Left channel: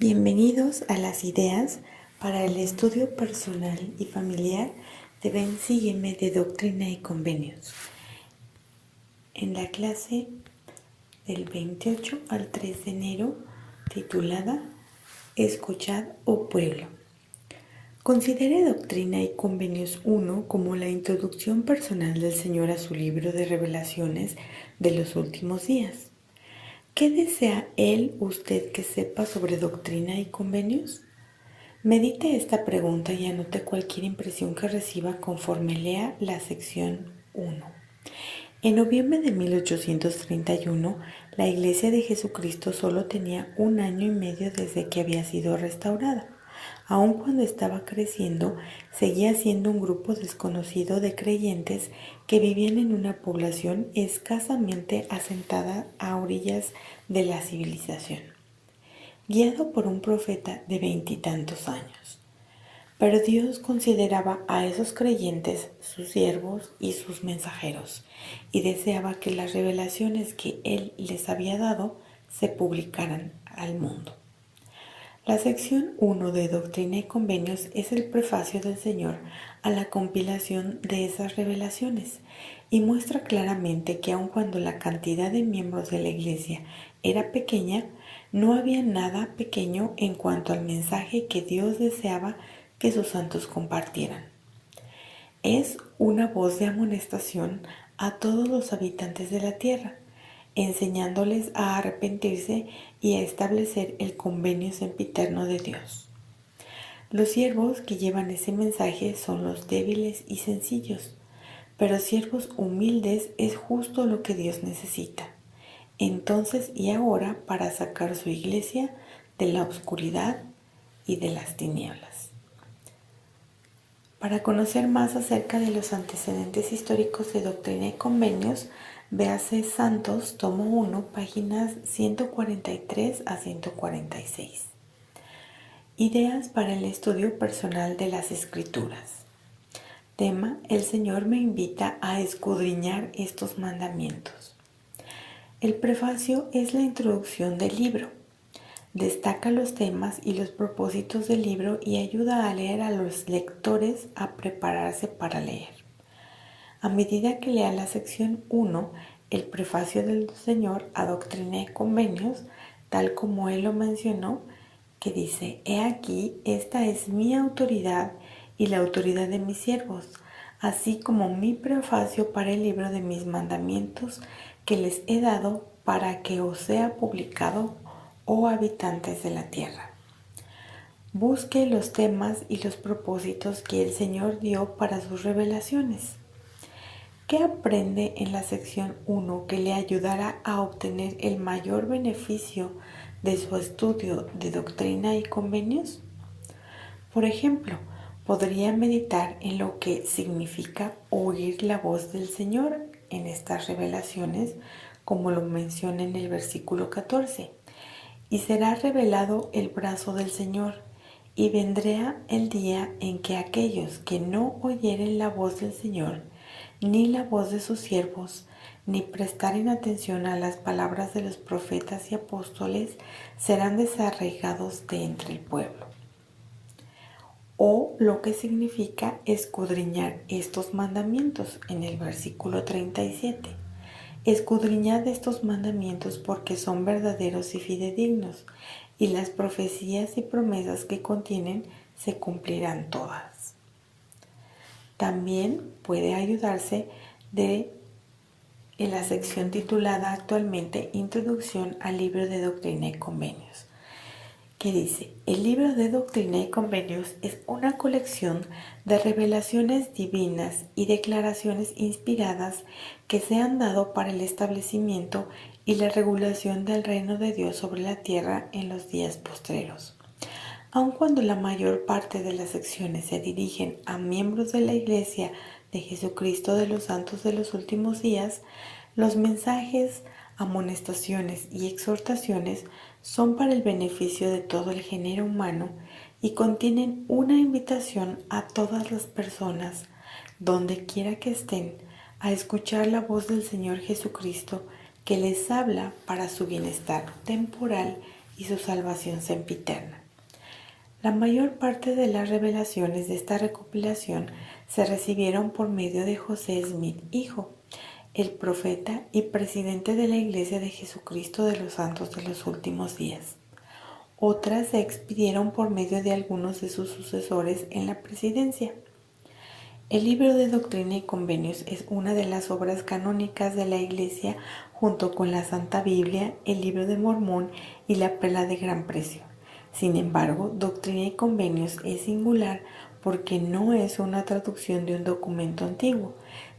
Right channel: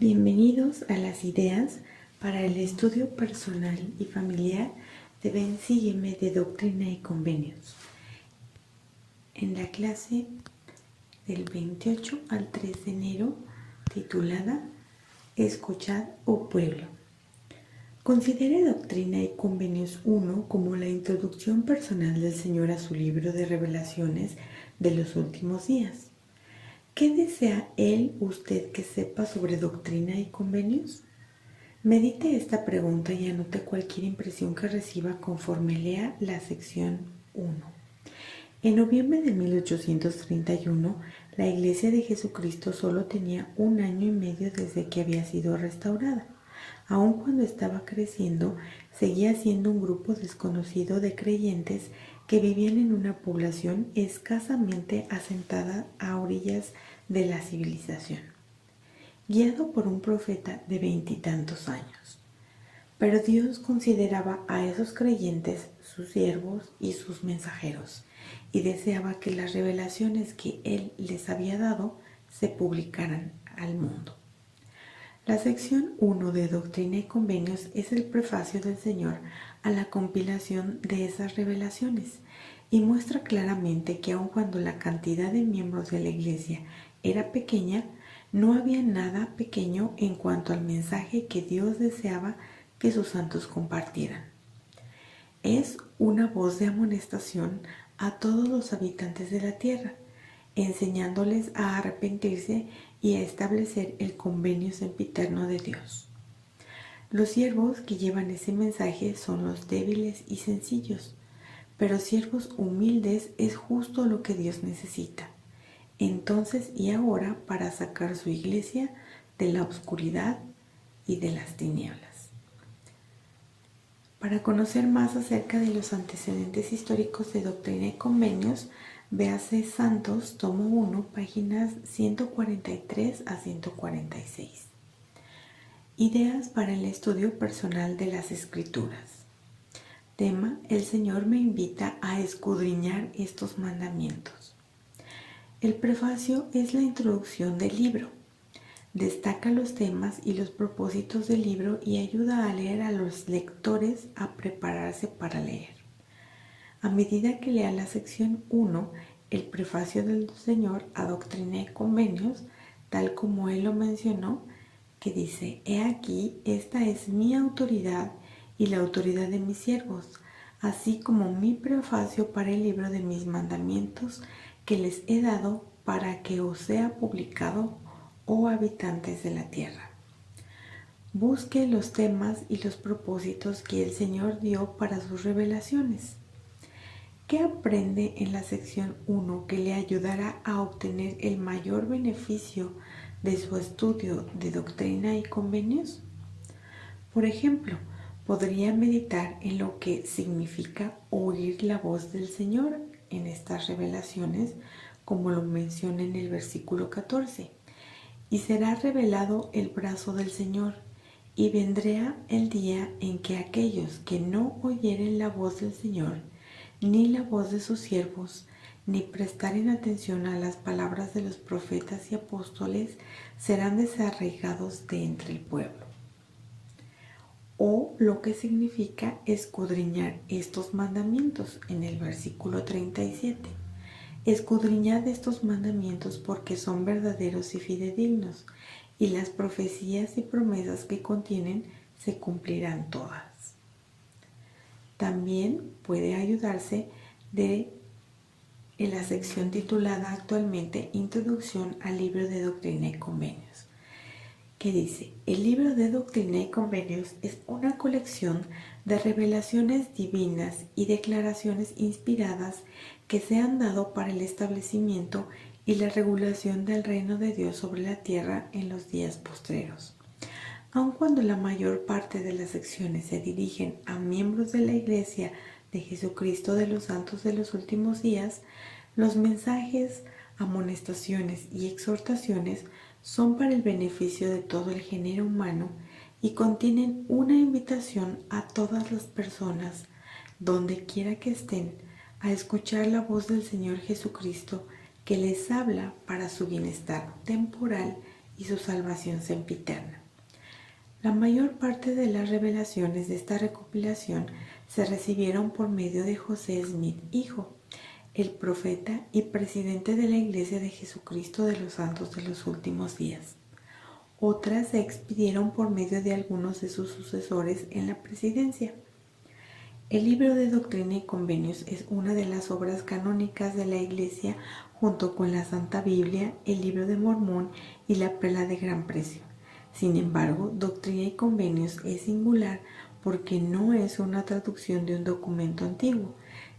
Bienvenidos a las ideas para el estudio personal y familiar de Ven Sígueme de Doctrina y Convenios. En la clase del 28 al 3 de enero, titulada Escuchad, oh pueblo. Considere Doctrina y Convenios 1 como la introducción personal del Señor a su libro de revelaciones de los últimos días. ¿Qué desea usted que sepa sobre doctrina y convenios? Medite esta pregunta y anote cualquier impresión que reciba conforme lea la sección 1. En noviembre de 1831, la Iglesia de Jesucristo solo tenía 1 año y medio desde que había sido restaurada. Aun cuando estaba creciendo, seguía siendo un grupo desconocido de creyentes que vivían en una población escasamente asentada a orillas de la civilización, guiado por un profeta de 20 y tantos años. Pero Dios consideraba a esos creyentes sus siervos y sus mensajeros, y deseaba que las revelaciones que Él les había dado se publicaran al mundo. La sección 1 de Doctrina y Convenios es el prefacio del Señor a la compilación de esas revelaciones y muestra claramente que aun cuando la cantidad de miembros de la Iglesia era pequeña, no había nada pequeño en cuanto al mensaje que Dios deseaba que sus santos compartieran. Es una voz de amonestación a todos los habitantes de la tierra, enseñándoles a arrepentirse y a establecer el convenio sempiterno de Dios. Los siervos que llevan ese mensaje son los débiles y sencillos, pero siervos humildes es justo lo que Dios necesita, entonces y ahora, para sacar su iglesia de la oscuridad y de las tinieblas. Para conocer más acerca de los antecedentes históricos de Doctrina y Convenios, véase Santos, tomo 1, páginas 143 a 146. Ideas para el estudio personal de las Escrituras. Tema: el Señor me invita a escudriñar estos mandamientos. El prefacio es la introducción del libro. Destaca los temas y los propósitos del libro y ayuda a leer a los lectores a prepararse para leer. A medida que lea la sección 1, el prefacio del Señor a Doctrina y Convenios, tal como Él lo mencionó, que dice: He aquí, esta es mi autoridad y la autoridad de mis siervos, así como mi prefacio para el libro de mis mandamientos que les he dado para que os sea publicado, oh habitantes de la tierra. Busque los temas y los propósitos que el Señor dio para sus revelaciones. ¿Qué aprende en la sección 1 que le ayudará a obtener el mayor beneficio de su estudio de doctrina y convenios? Por ejemplo, podría meditar en lo que significa oír la voz del Señor en estas revelaciones, como lo menciona en el versículo 14. Y será revelado el brazo del Señor, y vendrá el día en que aquellos que no oyeren la voz del Señor, ni la voz de sus siervos, ni prestaren atención a las palabras de los profetas y apóstoles, serán desarraigados de entre el pueblo. O lo que significa escudriñar estos mandamientos en el versículo 37. Escudriñad estos mandamientos porque son verdaderos y fidedignos, y las profecías y promesas que contienen se cumplirán todas. También puede ayudarse en la sección titulada actualmente Introducción al libro de Doctrina y Convenios, que dice: el libro de Doctrina y Convenios es una colección de revelaciones divinas y declaraciones inspiradas que se han dado para el establecimiento y la regulación del reino de Dios sobre la tierra en los días postreros. Aun cuando la mayor parte de las secciones se dirigen a miembros de la Iglesia de Jesucristo de los Santos de los Últimos Días, los mensajes, amonestaciones y exhortaciones son para el beneficio de todo el género humano y contienen una invitación a todas las personas, donde quiera que estén, a escuchar la voz del Señor Jesucristo, que les habla para su bienestar temporal y su salvación sempiterna. La mayor parte de las revelaciones de esta recopilación se recibieron por medio de José Smith, hijo, el profeta y presidente de la Iglesia de Jesucristo de los Santos de los Últimos Días. Otras se expidieron por medio de algunos de sus sucesores en la presidencia. El libro de Doctrina y Convenios es una de las obras canónicas de la Iglesia junto con la Santa Biblia, el Libro de Mormón y la Perla de Gran Precio. Sin embargo, Doctrina y Convenios es singular porque no es una traducción de un documento antiguo,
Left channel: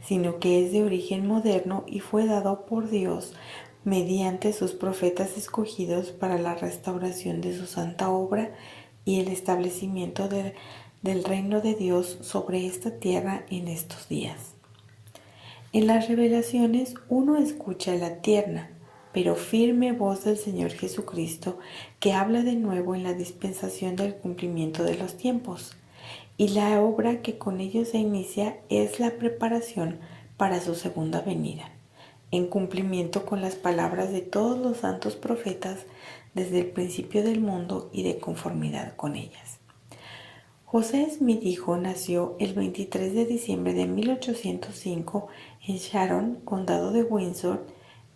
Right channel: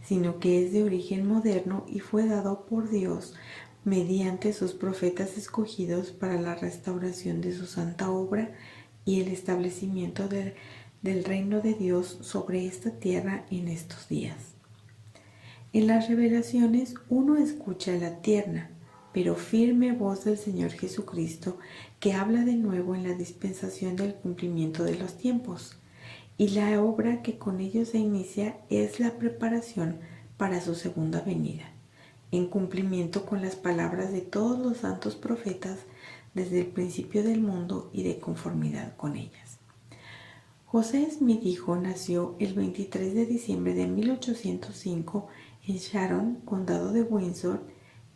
sino que es de origen moderno y fue dado por Dios mediante sus profetas escogidos para la restauración de su santa obra y el establecimiento del reino de Dios sobre esta tierra en estos días. En las revelaciones uno escucha la tierna, pero firme voz del Señor Jesucristo que habla de nuevo en la dispensación del cumplimiento de los tiempos, y la obra que con ello se inicia es la preparación para su segunda venida, en cumplimiento con las palabras de todos los santos profetas desde el principio del mundo y de conformidad con ellas. José Smith hijo nació el 23 de diciembre de 1805 en Sharon, condado de Windsor,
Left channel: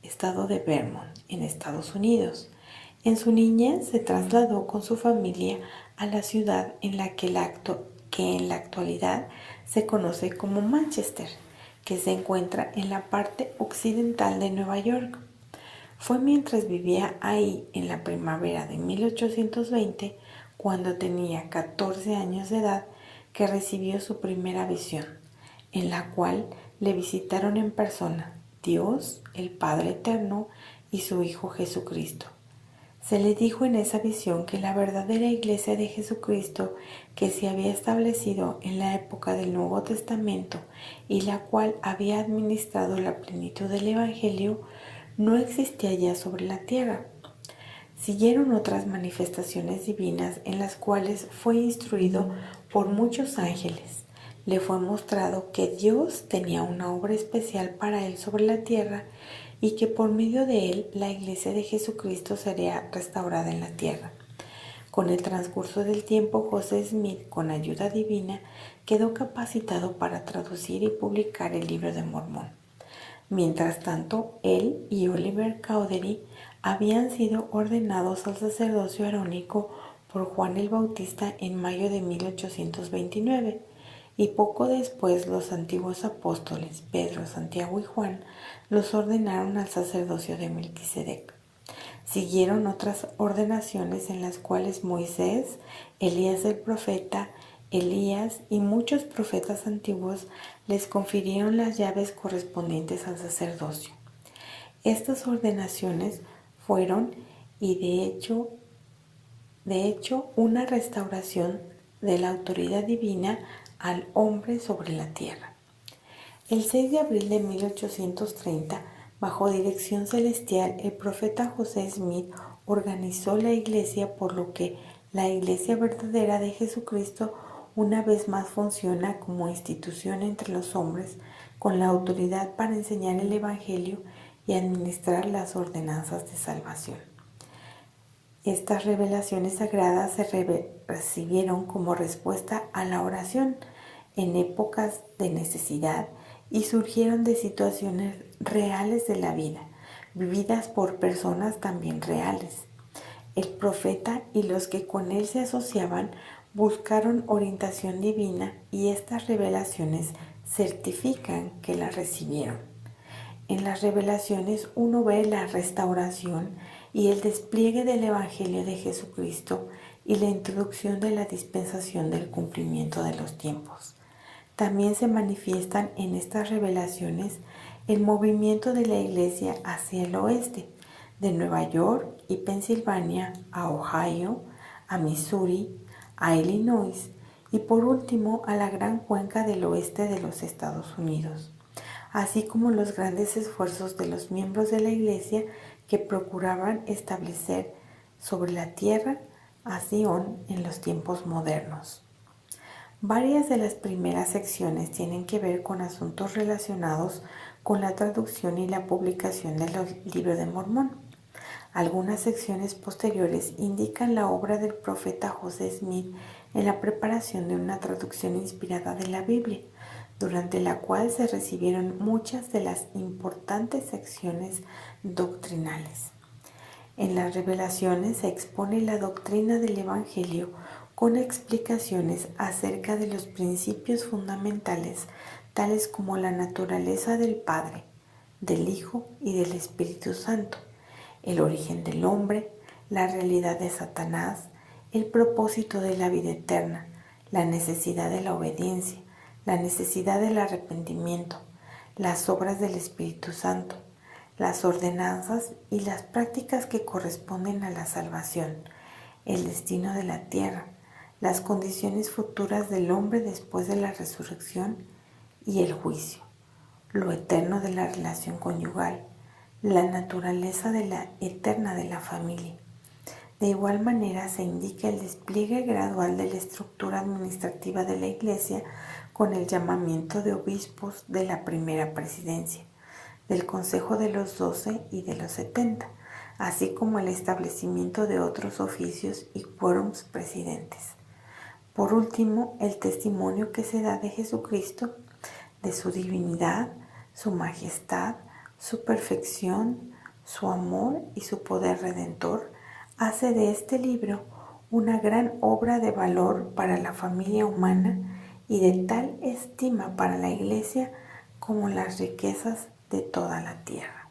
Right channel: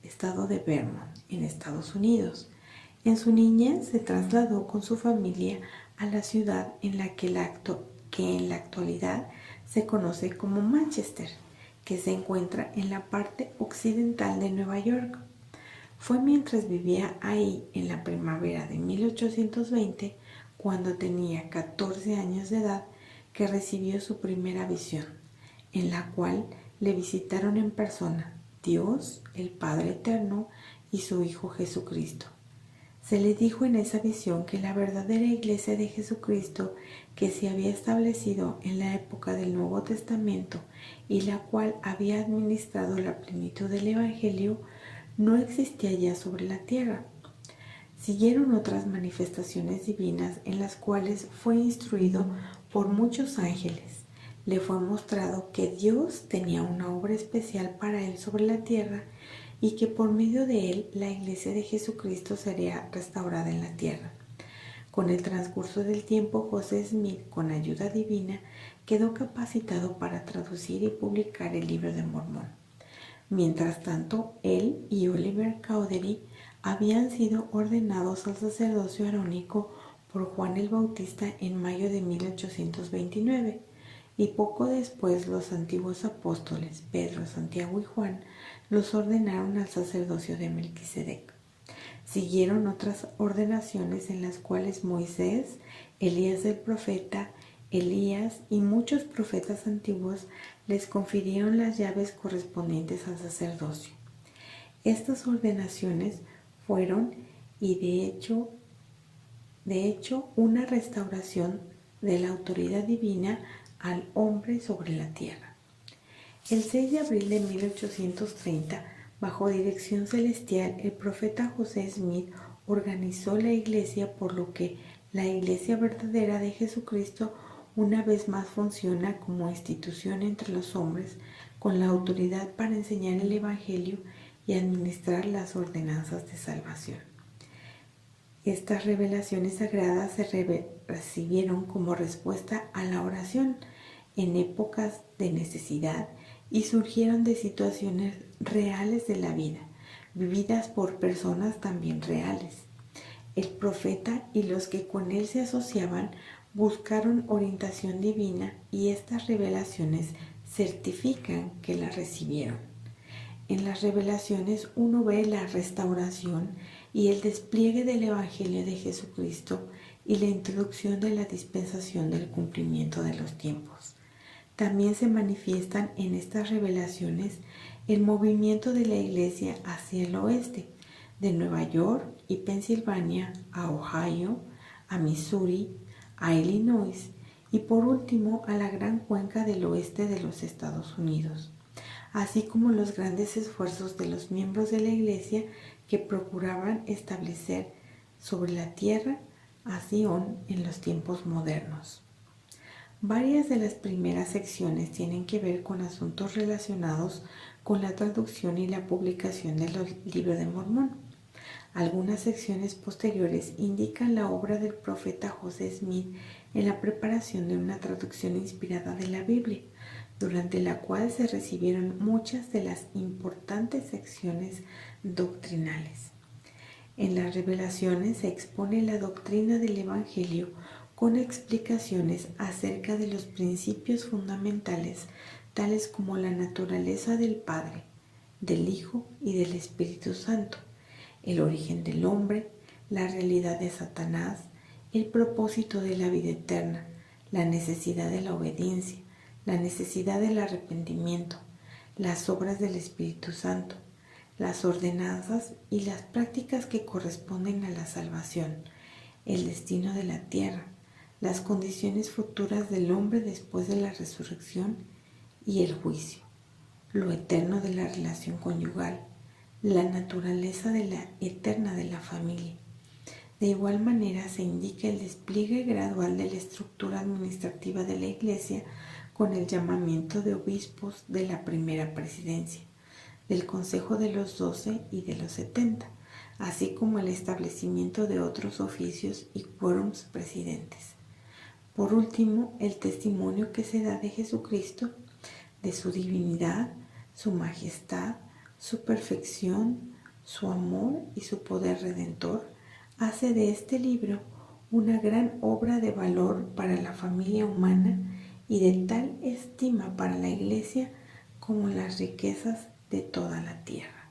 estado de Vermont, en Estados Unidos. En su niñez se trasladó con su familia a la ciudad en la que en la actualidad se conoce como Manchester, que se encuentra en la parte occidental de Nueva York. Fue mientras vivía ahí en la primavera de 1820, cuando tenía 14 años de edad, que recibió su primera visión, en la cual le visitaron en persona Dios, el Padre Eterno y su Hijo Jesucristo. Se le dijo en esa visión que la verdadera Iglesia de Jesucristo, que se había establecido en la época del Nuevo Testamento y la cual había administrado la plenitud del Evangelio, no existía ya sobre la tierra. Siguieron otras manifestaciones divinas en las cuales fue instruido por muchos ángeles. Le fue mostrado que Dios tenía una obra especial para él sobre la tierra y que por medio de él la Iglesia de Jesucristo sería restaurada en la tierra. Con el transcurso del tiempo, José Smith, con ayuda divina, quedó capacitado para traducir y publicar el Libro de Mormón. Mientras tanto, él y Oliver Cowdery habían sido ordenados al sacerdocio arónico por Juan el Bautista en mayo de 1829, y poco después los antiguos apóstoles Pedro, Santiago y Juan los ordenaron al sacerdocio de Melquisedec. Siguieron otras ordenaciones en las cuales Moisés, Elías el profeta, Elías y muchos profetas antiguos les confirieron las llaves correspondientes al sacerdocio. Estas ordenaciones fueron, y de hecho, una restauración de la autoridad divina al hombre sobre la tierra. El 6 de abril de 1830, bajo dirección celestial, el profeta José Smith organizó la Iglesia, por lo que la Iglesia verdadera de Jesucristo una vez más funciona como institución entre los hombres con la autoridad para enseñar el Evangelio y administrar las ordenanzas de salvación. Estas revelaciones sagradas se recibieron como respuesta a la oración en épocas de necesidad y surgieron de situaciones reales de la vida, vividas por personas también reales. El profeta y los que con él se asociaban buscaron orientación divina, y estas revelaciones certifican que la recibieron. En las revelaciones uno ve la restauración y el despliegue del Evangelio de Jesucristo y la introducción de la dispensación del cumplimiento de los tiempos. También se manifiestan en estas revelaciones el movimiento de la Iglesia hacia el oeste, de Nueva York y Pensilvania a Ohio, a Missouri, a Illinois y por último a la gran cuenca del oeste de los Estados Unidos, así como los grandes esfuerzos de los miembros de la Iglesia que procuraban establecer sobre la tierra a Sion en los tiempos modernos. Varias de las primeras secciones tienen que ver con asuntos relacionados con la traducción y la publicación del Libro de Mormón. Algunas secciones posteriores indican la obra del profeta José Smith en la preparación de una traducción inspirada de la Biblia, durante la cual se recibieron muchas de las importantes secciones doctrinales. En las revelaciones se expone la doctrina del Evangelio con explicaciones acerca de los principios fundamentales, tales como la naturaleza del Padre, del Hijo y del Espíritu Santo, el origen del hombre, la realidad de Satanás, el propósito de la vida eterna, la necesidad de la obediencia, la necesidad del arrepentimiento, las obras del Espíritu Santo, las ordenanzas y las prácticas que corresponden a la salvación, el destino de la tierra, las condiciones futuras del hombre después de la resurrección y el juicio, lo eterno de la relación conyugal, la naturaleza eterna de la familia. De igual manera se indica el despliegue gradual de la estructura administrativa de la Iglesia con el llamamiento de obispos de la primera presidencia, del Consejo de los 12 y de los 70, así como el establecimiento de otros oficios y quórums presidentes. Por último, el testimonio que se da de Jesucristo, de su divinidad, su majestad, su perfección, su amor y su poder redentor, hace de este libro una gran obra de valor para la familia humana y de tal estima para la Iglesia como las riquezas de toda la tierra.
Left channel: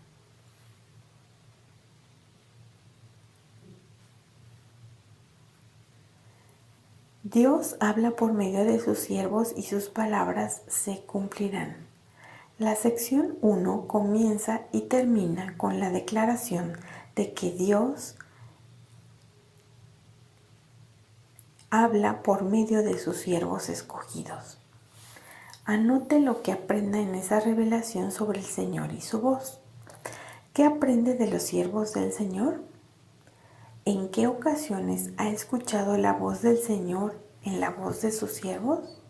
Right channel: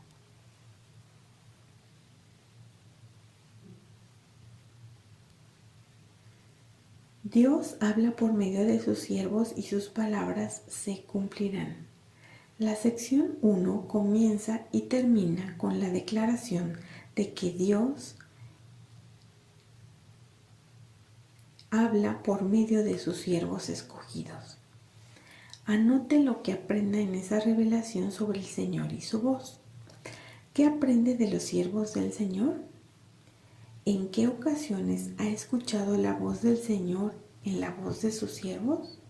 Dios habla por medio de sus siervos y sus palabras se cumplirán. La sección 1 comienza y termina con la declaración de que Dios habla por medio de sus siervos escogidos. Anote lo que aprenda en esa revelación sobre el Señor y su voz. ¿Qué aprende de los siervos del Señor? ¿En qué ocasiones ha escuchado la voz del Señor en la voz de sus siervos?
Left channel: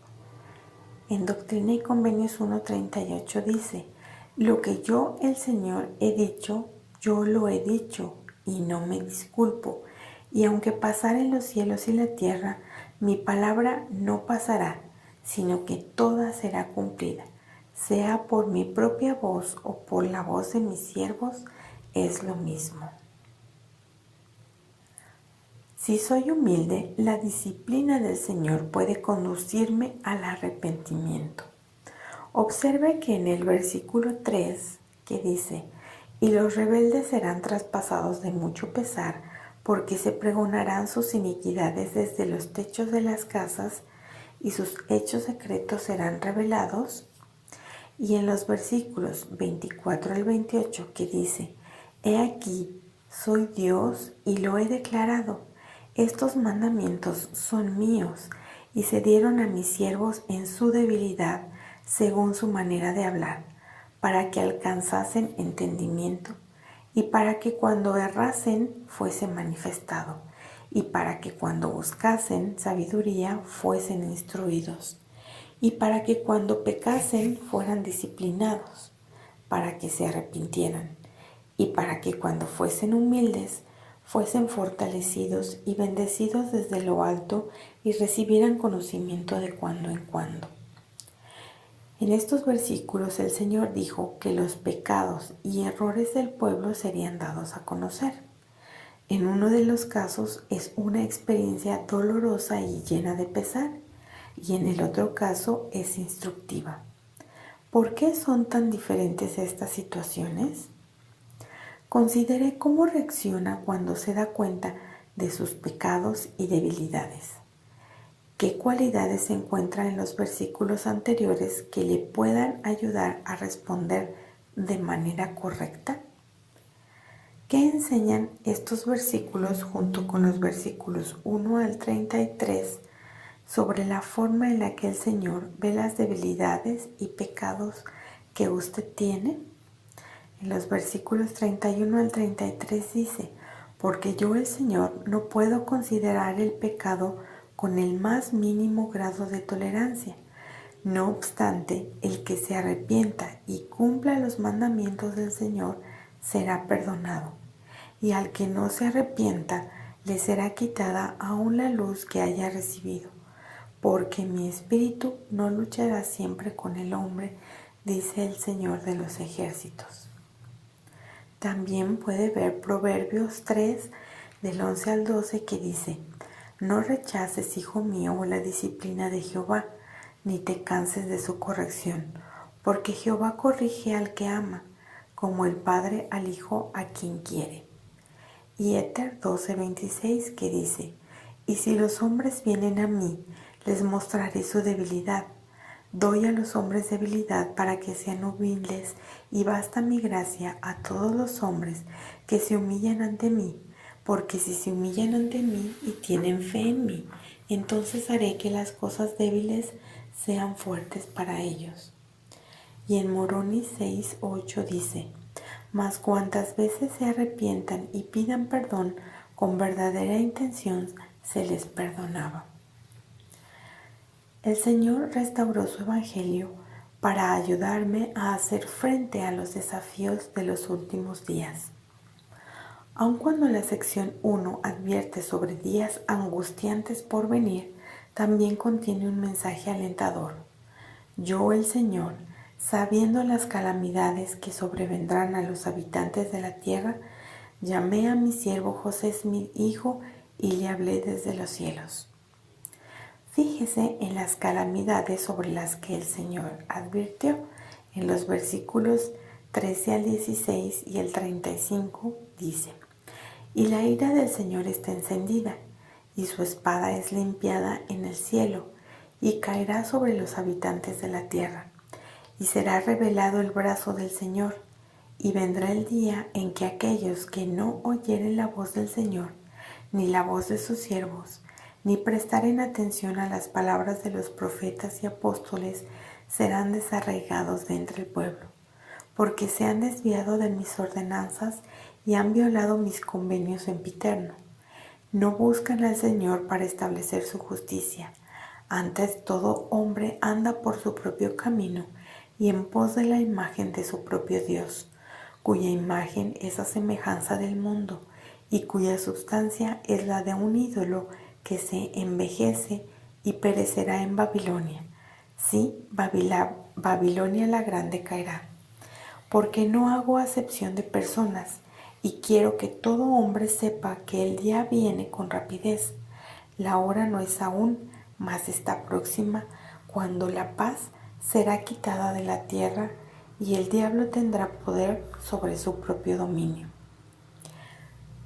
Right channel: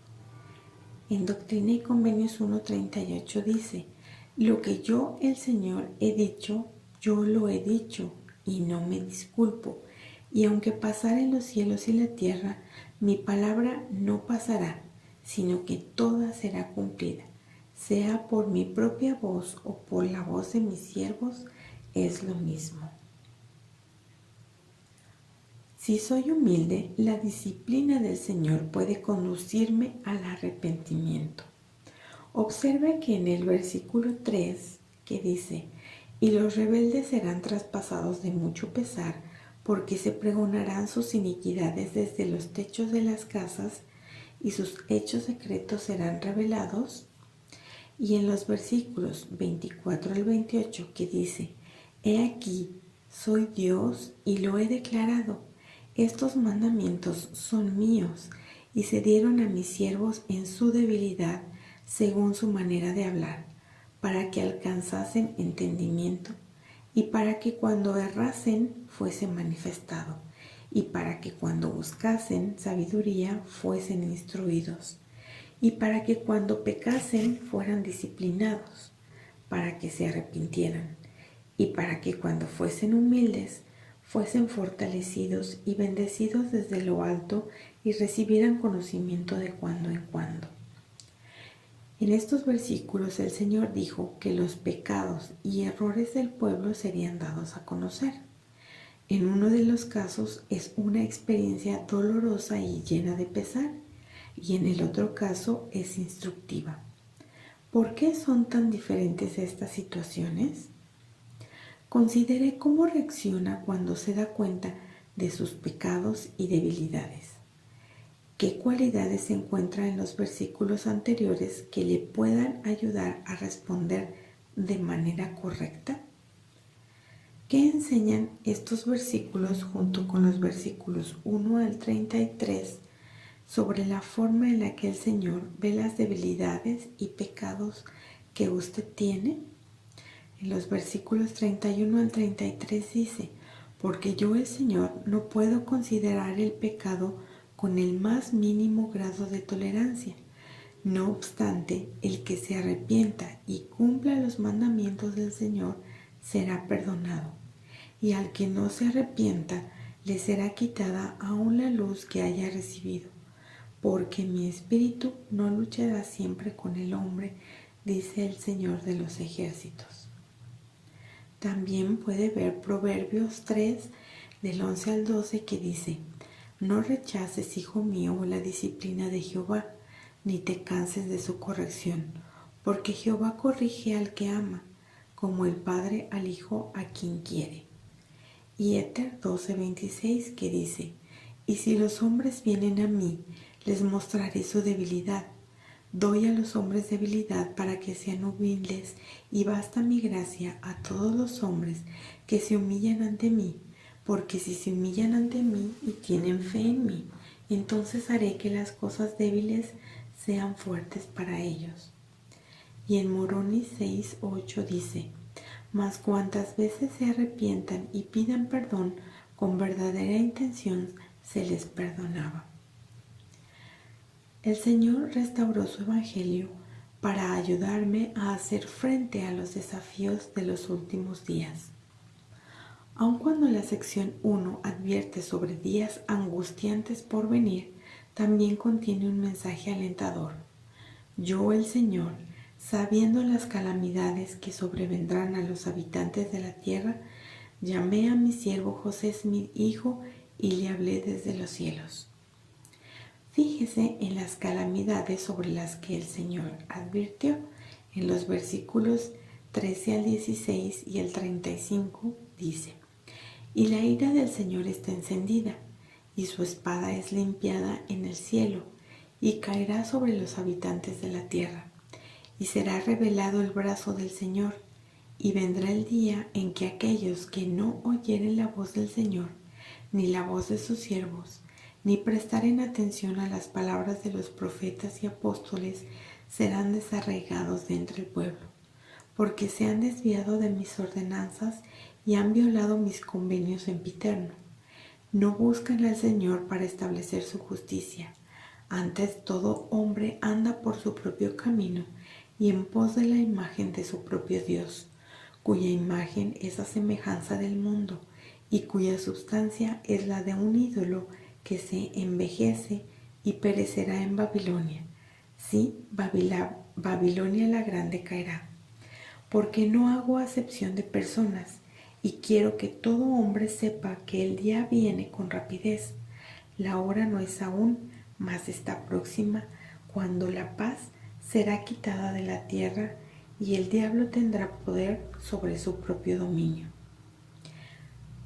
En Doctrina y Convenios 1:38 dice: lo que yo, el Señor, he dicho, yo lo he dicho, y no me disculpo. Y aunque pasaren los cielos y la tierra, mi palabra no pasará, sino que toda será cumplida, sea por mi propia voz o por la voz de mis siervos, es lo mismo. Si soy humilde, la disciplina del Señor puede conducirme al arrepentimiento. Observe que en el versículo 3, que dice: y los rebeldes serán traspasados de mucho pesar, porque se pregonarán sus iniquidades desde los techos de las casas, y sus hechos secretos serán revelados. Y en los versículos 24 al 28, que dice: he aquí, soy Dios y lo he declarado. Estos mandamientos son míos y se dieron a mis siervos en su debilidad, según su manera de hablar, para que alcanzasen entendimiento, y para que cuando errasen fuese manifestado, y para que cuando buscasen sabiduría fuesen instruidos, y para que cuando pecasen fueran disciplinados, para que se arrepintieran, y para que cuando fuesen humildes fuesen fortalecidos y bendecidos desde lo alto y recibieran conocimiento de cuando en cuando. En estos versículos el Señor dijo que los pecados y errores del pueblo serían dados a conocer. En uno de los casos es una experiencia dolorosa y llena de pesar, y en el otro caso es instructiva. ¿Por qué son tan diferentes estas situaciones? Considere cómo reacciona cuando se da cuenta de sus pecados y debilidades. ¿Qué cualidades se encuentran en los versículos anteriores que le puedan ayudar a responder de manera correcta? ¿Qué enseñan estos versículos junto con los versículos 1 al 33 sobre la forma en la que el Señor ve las debilidades y pecados que usted tiene? En los versículos 31 al 33 dice: porque yo, el Señor, no puedo considerar el pecado con el más mínimo grado de tolerancia. No obstante, el que se arrepienta y cumpla los mandamientos del Señor será perdonado. y al que no se arrepienta le será quitada aún la luz que haya recibido, porque mi espíritu no luchará siempre con el hombre, dice el Señor de los ejércitos. También puede ver Proverbios 3, del 11 al 12, que dice: no rechaces, hijo mío, la disciplina de Jehová, ni te canses de su corrección, porque Jehová corrige al que ama, como el padre al hijo a quien quiere. Y Éter 12:26, que dice: y si los hombres vienen a mí, les mostraré su debilidad. Doy a los hombres debilidad para que sean humildes, y basta mi gracia a todos los hombres que se humillan ante mí, porque si se humillan ante mí y tienen fe en mí, entonces haré que las cosas débiles sean fuertes para ellos. Y en Moroni 6:8 dice: mas cuantas veces se arrepientan y pidan perdón con verdadera intención, se les perdonaba. El Señor restauró su Evangelio para ayudarme a hacer frente a los desafíos de los últimos días. Aun cuando la sección 1 advierte sobre días angustiantes por venir, también contiene un mensaje alentador. Yo, el Señor, sabiendo las calamidades que sobrevendrán a los habitantes de la tierra, llamé a mi siervo José Smith, hijo, y le hablé desde los cielos. Fíjese en las calamidades sobre las que el Señor advirtió en los versículos 13 al 16 y el 35 dice: y la ira del Señor está encendida, y su espada es limpiada en el cielo, y caerá sobre los habitantes de la tierra, y será revelado el brazo del Señor, y vendrá el día en que aquellos que no oyeren la voz del Señor, ni la voz de sus siervos, ni prestaren atención a las palabras de los profetas y apóstoles, serán desarraigados de entre el pueblo, porque se han desviado de mis ordenanzas y han violado mis convenios sempiterno. No buscan al Señor para establecer su justicia. Antes todo hombre anda por su propio camino y en pos de la imagen de su propio Dios, cuya imagen es a semejanza del mundo y cuya substancia es la de un ídolo que se envejece y perecerá en Babilonia. Sí, Babilonia la grande caerá. Porque no hago acepción de personas, y quiero que todo hombre sepa que el día viene con rapidez. La hora no es aún, mas está próxima, cuando la paz será quitada de la tierra y el diablo tendrá poder sobre su propio dominio.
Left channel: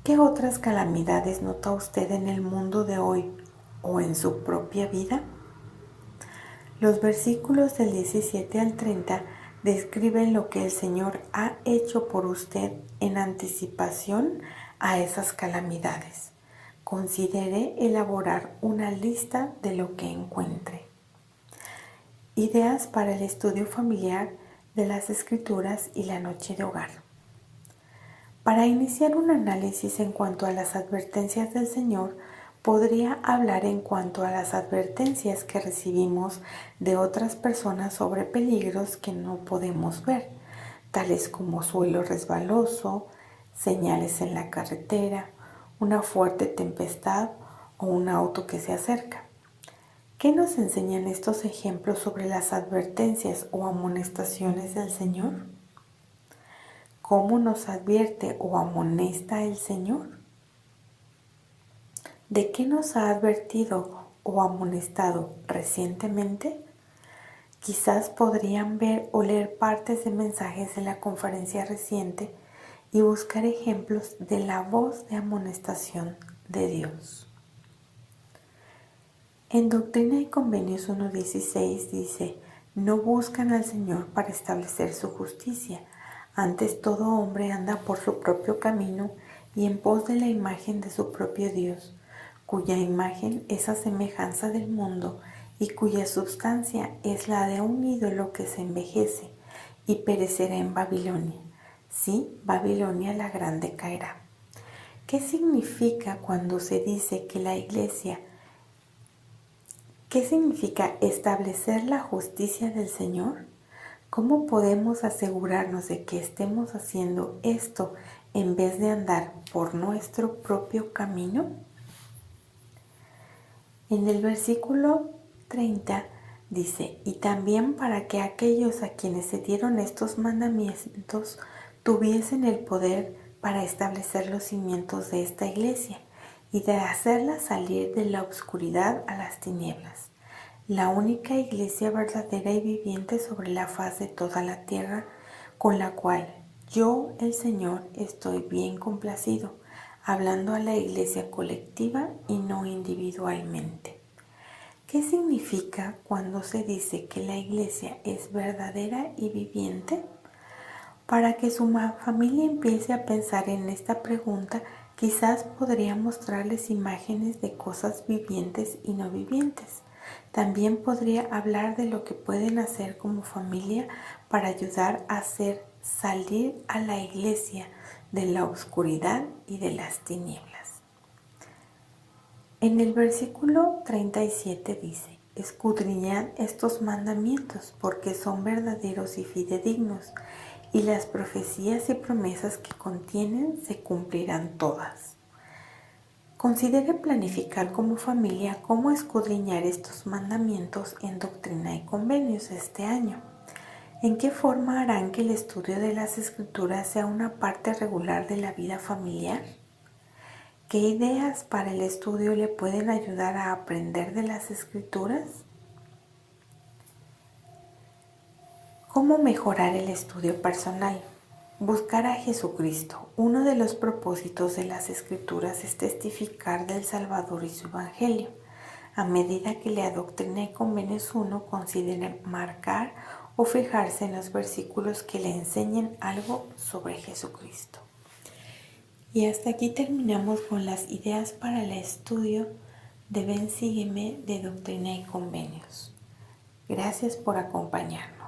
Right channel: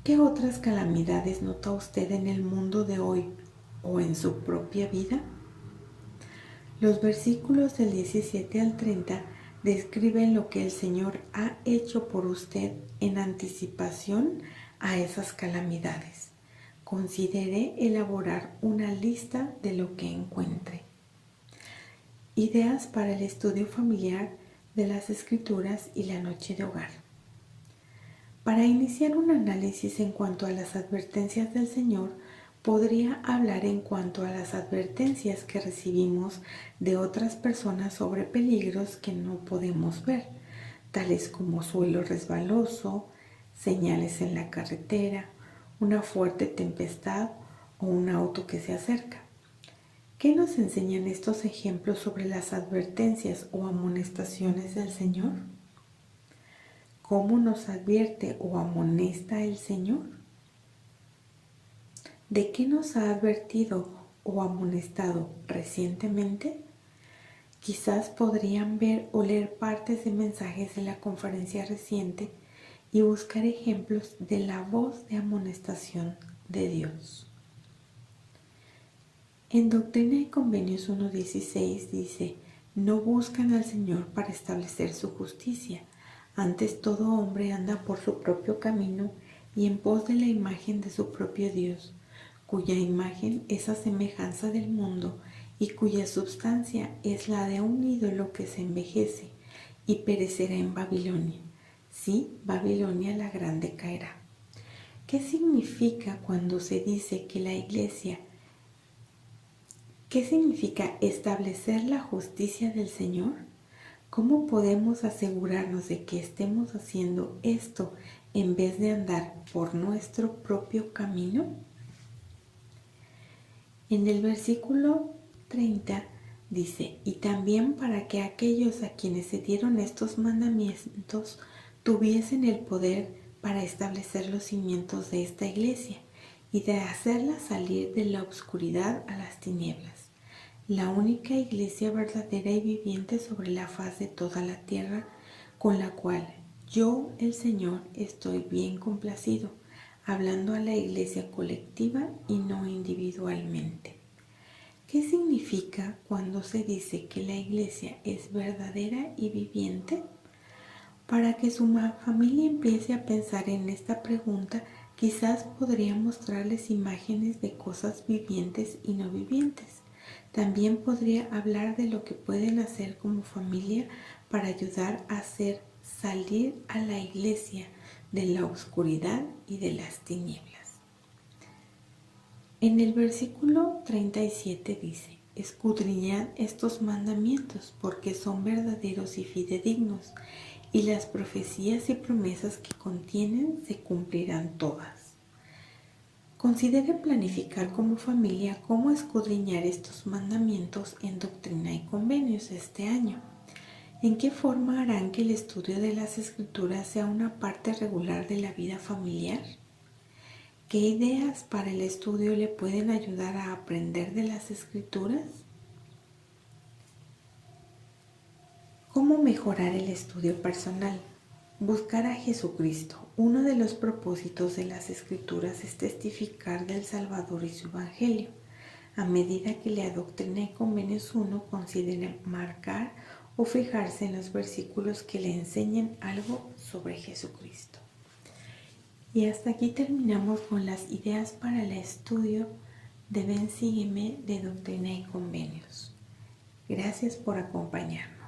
¿Qué otras calamidades nota usted en el mundo de hoy o en su propia vida? Los versículos del 17 al 30 describen lo que el Señor ha hecho por usted en anticipación a esas calamidades. Considere elaborar una lista de lo que encuentre. Ideas para el estudio familiar de las Escrituras y la noche de hogar. Para iniciar un análisis en cuanto a las advertencias del Señor, podría hablar en cuanto a las advertencias que recibimos de otras personas sobre peligros que no podemos ver, tales como suelo resbaloso, señales en la carretera, una fuerte tempestad o un auto que se acerca. ¿Qué nos enseñan estos ejemplos sobre las advertencias o amonestaciones del Señor? ¿Cómo nos advierte o amonesta el Señor? ¿De qué nos ha advertido o amonestado recientemente? Quizás podrían ver o leer partes de mensajes de la conferencia reciente y buscar ejemplos de la voz de amonestación de Dios. En Doctrina y Convenios 1:16 dice: no buscan al Señor para establecer su justicia. Antes todo hombre anda por su propio camino y en pos de la imagen de su propio Dios, cuya imagen es a semejanza del mundo y cuya substancia es la de un ídolo que se envejece y perecerá en Babilonia. Sí, Babilonia la grande caerá. ¿Qué significa cuando se dice que la Iglesia? ¿Qué significa establecer la justicia del Señor? ¿Cómo podemos asegurarnos de que estemos haciendo esto en vez de andar por nuestro propio camino? En el versículo 30 dice, y también para que aquellos a quienes se dieron estos mandamientos tuviesen el poder para establecer los cimientos de esta iglesia y de hacerla salir de la oscuridad a las tinieblas, la única iglesia verdadera y viviente sobre la faz de toda la tierra, con la cual yo, el Señor, estoy bien complacido, hablando a la iglesia colectiva y no individualmente. ¿Qué significa cuando se dice que la iglesia es verdadera y viviente? Para que su familia empiece a pensar en esta pregunta, quizás podría mostrarles imágenes de cosas vivientes y no vivientes. También podría hablar de lo que pueden hacer como familia para ayudar a hacer salir a la iglesia de la oscuridad y de las tinieblas. En el versículo 37 dice, escudriñad estos mandamientos porque son verdaderos y fidedignos, y las profecías y promesas que contienen se cumplirán todas. Considere planificar como familia cómo escudriñar estos mandamientos en Doctrina y Convenios este año. ¿En qué forma harán que el estudio de las Escrituras sea una parte regular de la vida familiar? ¿Qué ideas para el estudio le pueden ayudar a aprender de las Escrituras? ¿Cómo mejorar el estudio personal? Buscar a Jesucristo. Uno de los propósitos de las Escrituras es testificar del Salvador y su Evangelio. A medida que lea Doctrina y Convenios 1, considere marcar o fijarse en los versículos que le enseñen algo sobre Jesucristo. Y hasta aquí terminamos con las ideas para el estudio de Ven, sígueme de Doctrina y Convenios. Gracias por acompañarnos.